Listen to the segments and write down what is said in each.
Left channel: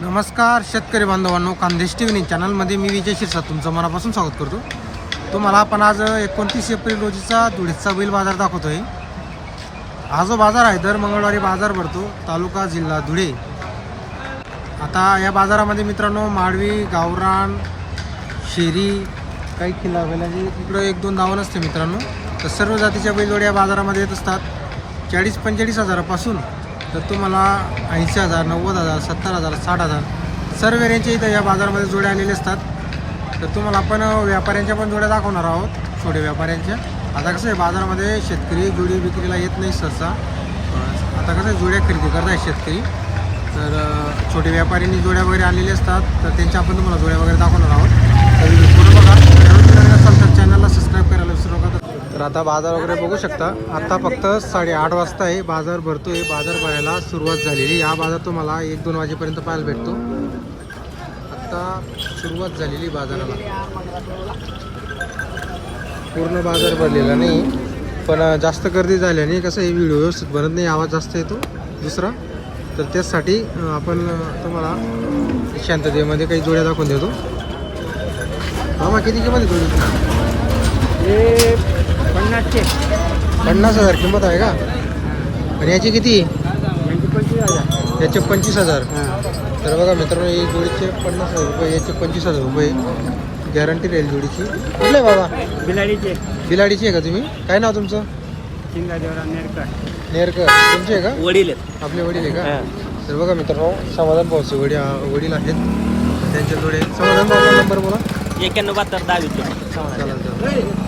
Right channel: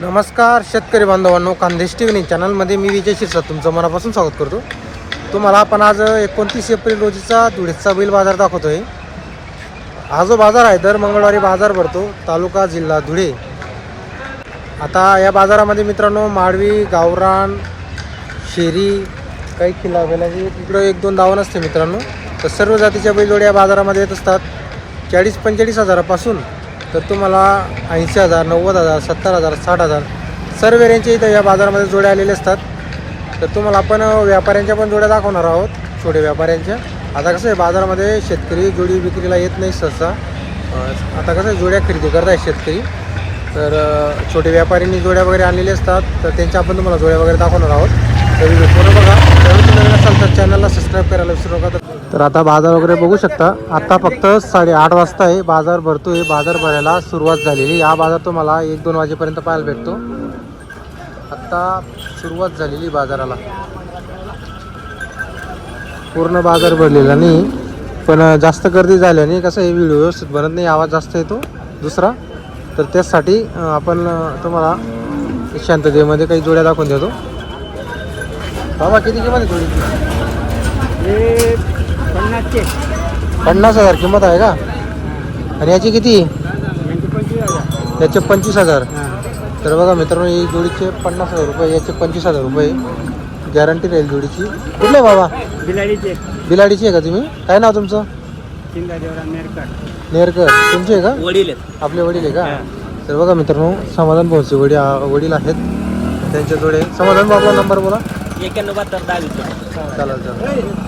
नमस्कार शेतकरी बांधवांनो खानदेश टी व्ही चॅनलमध्ये मी विजय शिरसा तुमचं मनापासून स्वागत करतो. तुम्हाला आपण आज एकोणतीस एप्रिल रोजीचा धुळेचा बैल बाजार दाखवतोय. हा जो बाजार आहे दर मंगळवारी बाजार भरतो तालुका जिल्हा धुळे. आता या बाजारामध्ये मित्रांनो माडवी गावरान शेरी काही किल्ला बैलाची इकडं एक दोन दावण असते मित्रांनो तर सर्व जातीच्या बैलजोड्या या बाजारामध्ये येत असतात. चाळीस पंचेचाळीस हजारापासून तर तुम्हाला ऐंशी हजार नव्वद हजार सत्तर हजार साठ हजार सर्व रेंजचे इथं या बाजारामध्ये जोड्या आलेले असतात. तर तुम्हाला आपण व्यापाऱ्यांच्या पण जोड्या दाखवणार आहोत. छोटे व्यापाऱ्यांच्या. आता कसं आहे बाजारामध्ये शेतकरी जोडी विक्रीला येत नाही सहसा. आता कसं आहे जोड्या खरेदी करताय शेतकरी. तर छोटे व्यापाऱ्यांनी जोड्या वगैरे आणलेले असतात. तर त्यांच्या आपण तुम्हाला जोड्या वगैरे दाखवणार आहोत. तर व्हिडिओ पूर्ण बघा. त्यावेळी तुम्ही नवीन असाल तर चॅनलला सबस्क्राईब करायला विसरू नका. तर आता बाजार वगैरे बघू शकता. आता फक्त साडेआठ वाजता आहे. बाजार भरतोय. बाजार भरायला सुरुवात झालेली या बाजार तुम्हाला एक दोन वाजेपर्यंत पाहायला भेटतो. आता सुरुवात झालेली बाजाराला. पूर्ण बाजार भरलेला नाही. पण जास्त गर्दी झाल्याने कसं हे व्हिडिओ व्यवस्थित बनत नाही. आवाज जास्त येतो. दुसरा. तर त्यासाठी आपण तुम्हाला शांततेमध्ये काही जोड्या दाखवून देतो. बाबा किती किंमत जोडी जोडीची पन्नासचे. पन्नास हजार किंमत आहे का? आणि याची किती? पंचवीस हजार. याचे पंचवीस हजार. तर बघा मित्रांनो ही जोडीचे पन्नास हजार रुपये याचे पंचवीस हजार रुपये गॅरंटी राहील जोडीची. कुठले बाबा? बिलाडीचे. बिलाडीची आहे का तुम्ही? काय नाव तुमचं? नेरकर. नेरकर. तुमची आहे का? वडील आपले वडील आहे का? तर बघा मित्रांनो समाधान भाऊचे वडील वडील आहेत. त्यांच्या जोडे समाधान बाबा नंबर बोला. एक्याण्णव बहात्तर दहावीस. चालेल चालेल.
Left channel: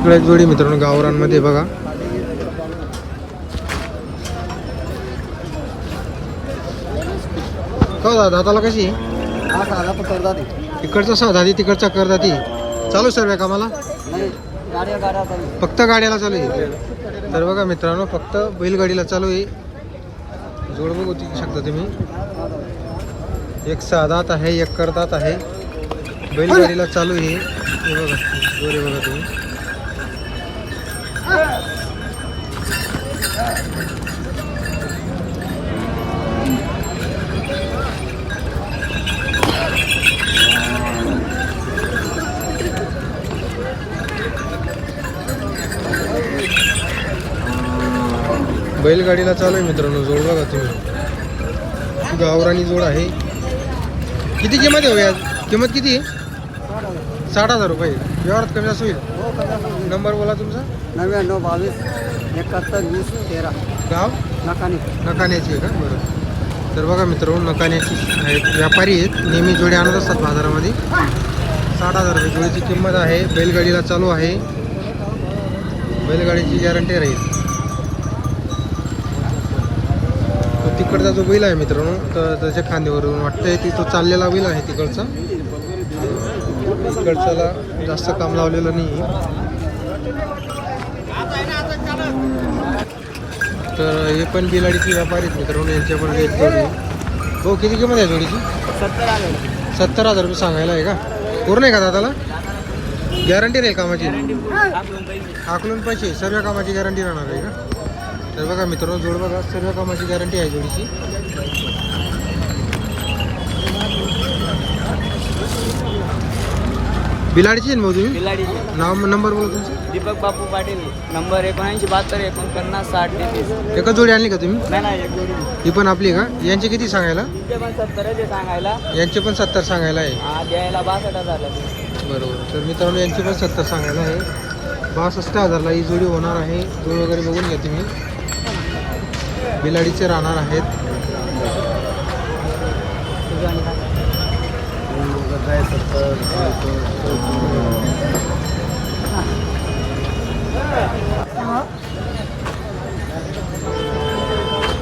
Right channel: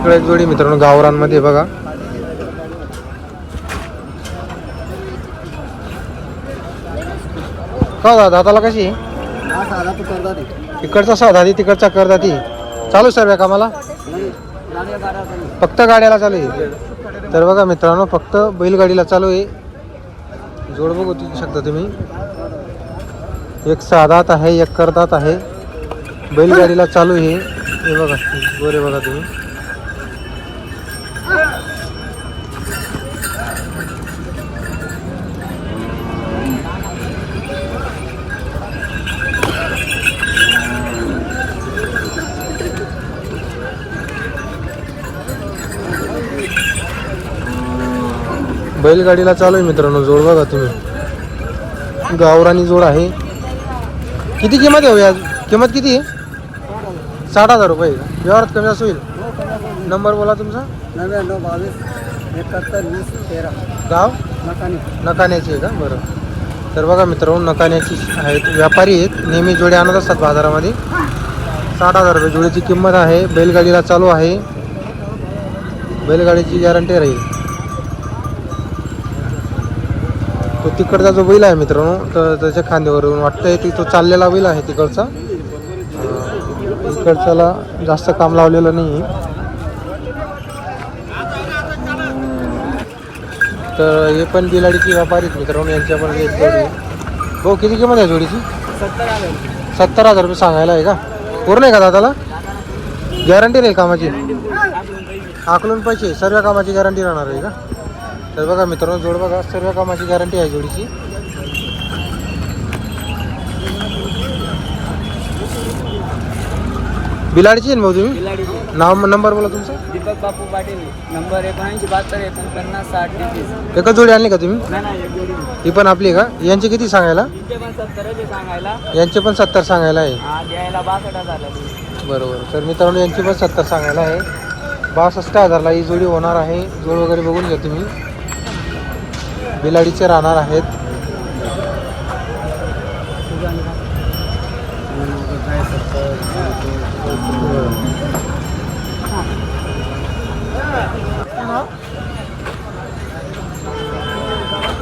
इकडे एक जोडी मित्रांनो गावरांमध्ये बघा. का दादा दाताला कशी? हा ते इकडचा साधारी तिकडचा करदाती चालू सर्व कामाला? बारा फक्त गाड्याला चालू आहे? तर बघा मित्रांनो फक्त बैलगाडीला चालू आहे. जोड बघू ती शकता तुम्ही. एक साधात आहे एक करदात आहे. बैलगाडीला चालू आहे. हे बघा गोरे बघा तुम्ही. बैलगाडीला चालू आहे मित्रांनो जोड बघा तुम्ही. गावरानी जोड आहे. किती किंमत आहे हो या किंमत किती आहे? साठ हजार रुपये. व्यवहारात कमी असं होईल? नंबर बोला तुमचा. नव्याण्णव बावीस एकाहत्तर वीस तेरा. गाव? नकाने. नकाण्याची आहे का? बरं. तर बघा मित्रांनो नकाण्याची आहेत. व्यापारी आहेत. नेहमी जोडे आणत असतात बाजारामध्ये. साठ हजार रुपये. जोडीची किंमत आहे. बैलगाडीला चालू आहे. बैलगाडीची गॅरंटी राहील. तो तिकडचा जो बैल आहे मित्रांनो तर त्याच्या खांद्यावरून वाटतंय की तो चाललेला बैल आहे तिकडचा. इकडच्याला जास्त काम लावलेलं नाही तर हे पण बिलाडीची व्यापारी मित्रांनो यांच्याकडे एक जोडी. हो किती किंमत आहे जोडीची? सत्तर हजार सत्तर हजार रुपये सांगायला आहे का? पूर्ण आहे का दादाला? गॅरंटी राहील कामाची? आकलून पैसे सर्व कामाची गॅरंटी राहणार आहे का? तर बघा मित्रांनो जोड बघा सर्व कामाची गॅरंटी आहे जोडीची. बिलाडीची आहे भाऊ तुम्ही? नाव नंबर बोला तुमचा. दीपक बापू पाटील नंबर एकोणऐंशी बहात्तर एकोणपन्नास साठ तेहतीस. एकच जोडी आणली का तुम्ही? नाही नाही एक जोडी. ही पण आपली आहे का? यांची किती सांगायला? पण आहे सांगायला. यांचे पण सत्तर सांगायला आहे. हा, द्यायला बासष्ट हजार बरोबर. तर मित्रांनो यांची पण सत्तर सांगायला आहे. बासष्ट हजारला ही जोडी होणार आहे. जोड वगैरे बघून घ्या तुम्ही. बिलाडीचे राहणार आहेत.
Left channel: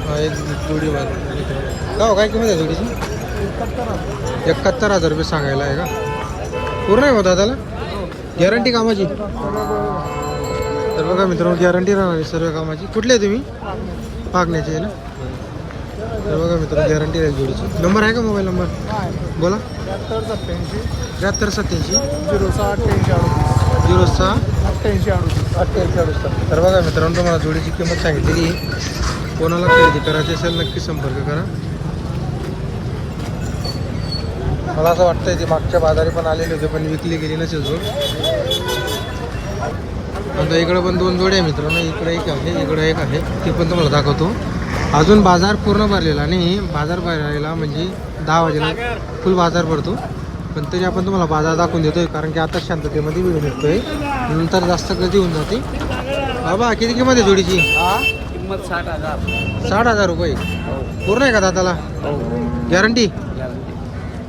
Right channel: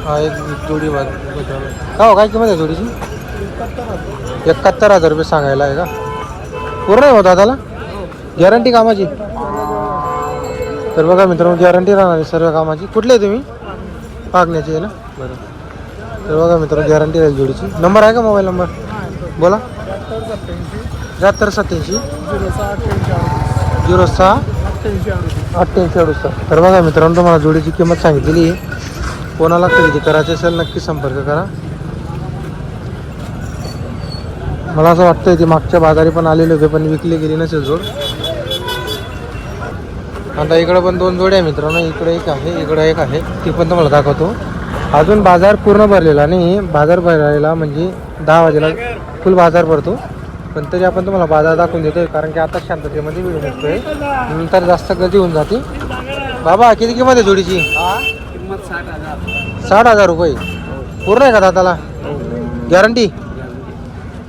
हा एक जोडी का हो काय किंमत आहे जोडीची? एकाहत्तर हजार रुपये सांगायला आहे का? पूर्ण आहे हो दादाला? गॅरंटी कामाची? तर बघा मित्रांनो गॅरंटी राहणार आहे सर्व कामाची. कुठले तुम्ही? पागण्याची आहे ना? बरं तर बघा मित्र गॅरंटी राहील जोडीची. नंबर आहे का मोबाईल नंबर बोला. त्र्याहत्तर सत्याऐंशी. झिरो सहा अठ्ठ्याऐंशी झिरो सहा अठ्ठ्याऐंशी अडुसष्ट. तर बघा मित्रांनो तुम्हाला जोडीची किंमत सांगितलेली आहे. कोणाला खरेदी करायची असेल नक्की संपर्क करा. मला असं वाटतं ते मागच्या बाजारी पण आलेले होते पण विकले गेली नसेल जोड. आता इकडं पण दोन जोड्या आहे मित्रांनो. इकडे एक आहे इकडं एक आहे. ती पण तुम्हाला दाखवतो. अजून बाजार पूर्ण भरलेला नाही. बाजार भरायला म्हणजे दहा वाजेला फुल बाजार भरतो. पण तरी आपण तुम्हाला बाजार दाखवून देतोय कारण की आता शांततेमध्ये वेळ निघतोय नंतर जास्त गर्दी होऊन जाते. बाबा किती किंमत आहे जोडीची? किंमत साठ हजार साठ हजार रुपये. पूर्ण आहे का दादाला गॅरंटी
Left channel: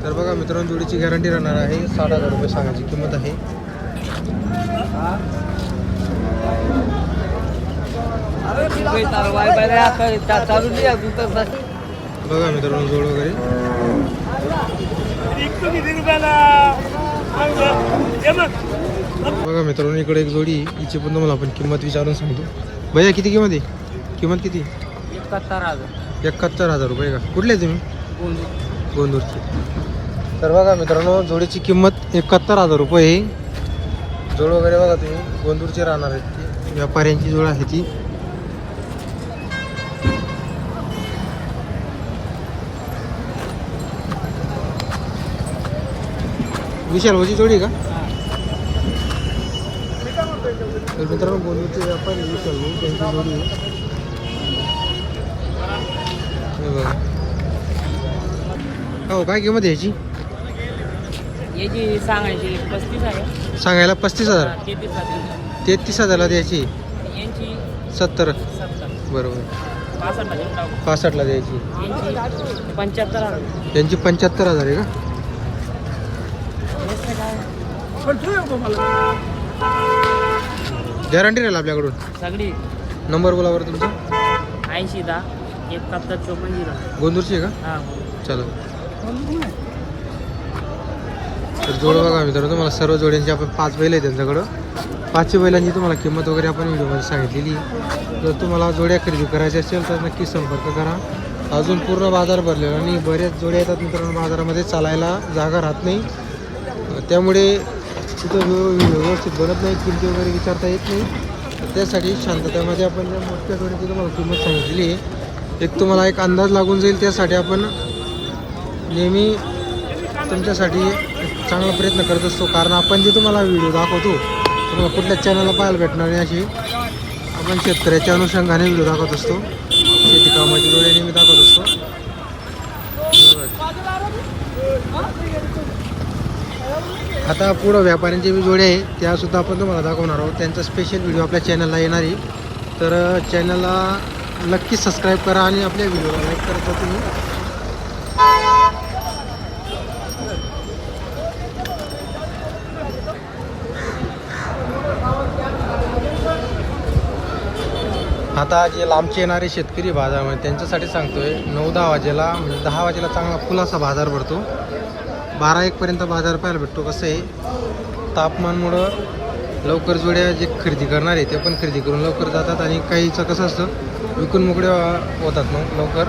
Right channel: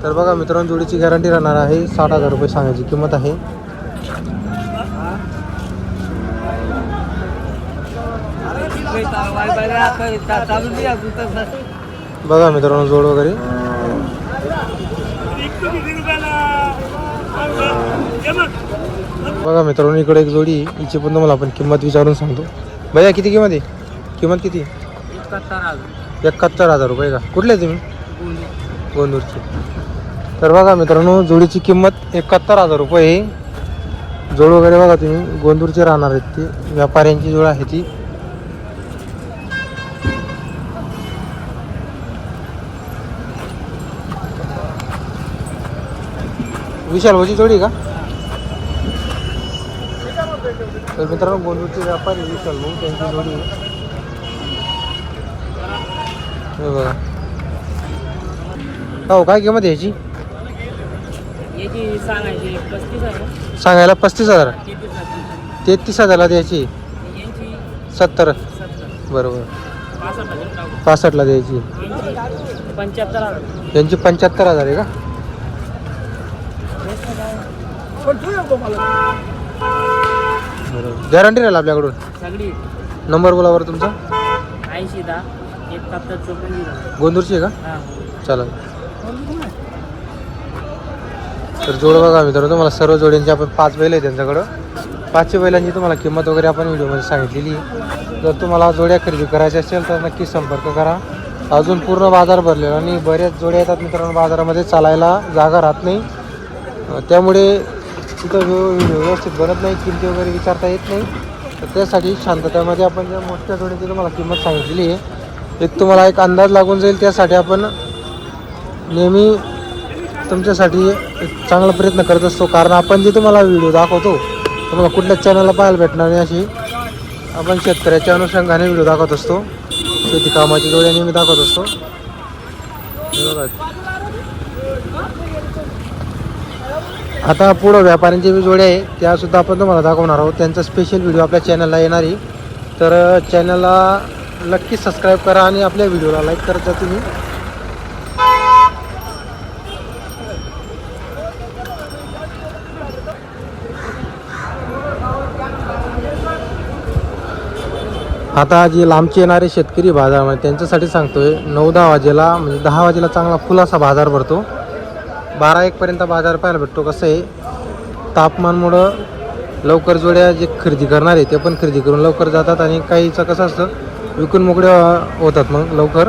तर बघा मित्रांनो जोडीची गॅरंटी राहणार आहे. साठ हजार रुपये सांगायची किंमत आहे. बघा मित्रांनो जोड वगैरे. बघा मित्रांनो इकडे एक जोडी आहे. हिची पण तुम्हाला आपण किंमत विचारून सांगतो. भैया किती किंमत आहे? किंमत किती? एकाहत्तर हजार रुपये का? कुठले आहे तुम्ही? गोंदूरचे तर बघा मित्रांनो जोडीची किंमत एकाहत्तर हजार रुपये जोड वगैरे बघा तुम्ही. गोंदूरचे राहणार आहेत ती. व्यापाऱ्यांची जोड आहे ती. विशाल भाऊची जोडी का? तर मित्रांनो गोंदूरचे व्यापारी विशाल भाऊ त्यांची जोडी आहे. हे बघा. हो काय किंमत आहे याची? सांगायला पस्तीस हजार. तेहतीस हजार. तेहतीस हजारला द्यायची यांची सत्तर. बरोबर. पासष्टला द्यायची. यांची पंच्याहत्तर हजार. यांची गॅरंटी राहील आपल्याकडून? सगळी. नंबर बोला बरं तुमचा. ऐंशी दहा एकाहत्तर चोपन्न झिरो. गोंदूरची आहे का? हां. चला. तर जोड बघा मित्रांनो तुम्हाला सर्व जोड्यांची आपण पाच बैल आहे त्यांच्याकडं. पाचशे बैलांची तुम्हाला किंमत वगैरे आपण व्हिडिओमध्ये सांगितलेली आहे. जर तुम्हाला जोड्या खरेदी करायच्या असेल तर नक्की संपर्क करा. अजून पूर्ण बाजार भरलेला आणि बऱ्याच जोड्या येतात मित्रांनो बाजारामध्ये चालायला जागा राहत नाही. अं, त्यामुळे तिथं व्हिडिओ व्यवस्थित बनत नाही किमती वगैरे विचारता येत नाही. तर त्यासाठी शांततेमध्ये आपण ज्या मोठ्या जोड्याची तुम्हाला किंमत सांगितलेली आहे एक तुम्हाला एक अंदाज लागून जाईल. त्यासाठी आपण नेहमी तुमच्यासाठी एक चांगला प्रयत्न करत असतो. कारण आपण जे तुम्हाला व्हिडिओ दाखवतो तुम्हाला कुठल्याच चॅनलला पाहायला भेटणार नाही अशी आपण शेतकऱ्याच्या अनुषंगाने व्हिडिओ दाखवत असतो. शेती कामाची जोड्या नेहमी दाखवत असतो. आता पुढं व्यापाऱ्यांचे बी जोडे आहे त्यासुद्धा आपण तुम्हाला दाखवणार आहोत. त्यांचा स्पेशल व्हिडिओ आपल्या चॅनलला येणार आहे. तर चॅनलला नक्कीच सबस्क्राईब करा आणि आपल्या व्हिडिओला लाईक करत जा तुम्ही. आता जे लांबचे येणारे शेतकरी बाजारामध्ये म्हणजे त्यांच्यासाठी सांगतोय नऊ दहा वाजेला म्हणजे दहा वाजेला चांगला फुलासा बाजार भरतो. बारा एकपर्यंत बाजार पाहायला भेटतो. कसं आहे तापमानमुळं लवकर जोड्या जे खरेदी करणार आहे ते पण खरेदी करून लवकर जातात आणि काहीचं कसं असतं विकून मोकळे होतात मग लवकर.